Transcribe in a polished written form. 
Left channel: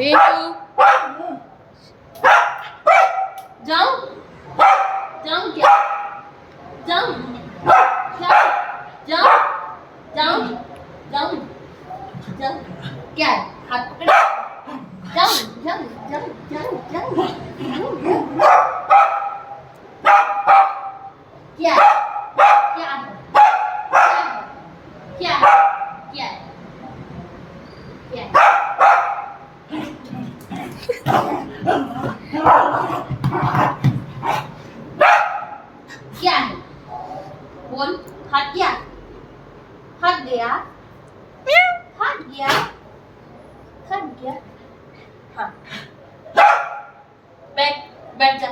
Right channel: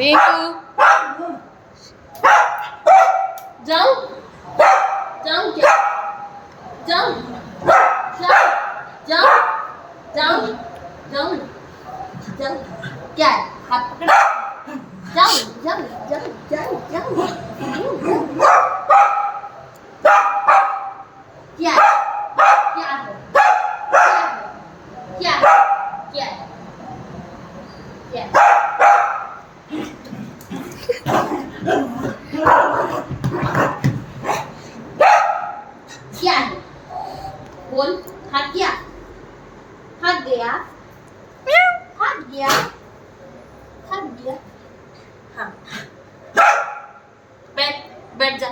रिंकू जाऊं जाऊं क्या जाऊं जाऊं जाऊं जाऊं जाऊं जाऊं क्या है? हाथ पकड़ जाऊं जाऊं जाऊं जाऊं जाऊं क्या है? क्या है? क्या है? क्या है? क्या है? क्या है? बोल हाथ क्या? थक गया थक गया थक गया हाँ बैठ बैठ जा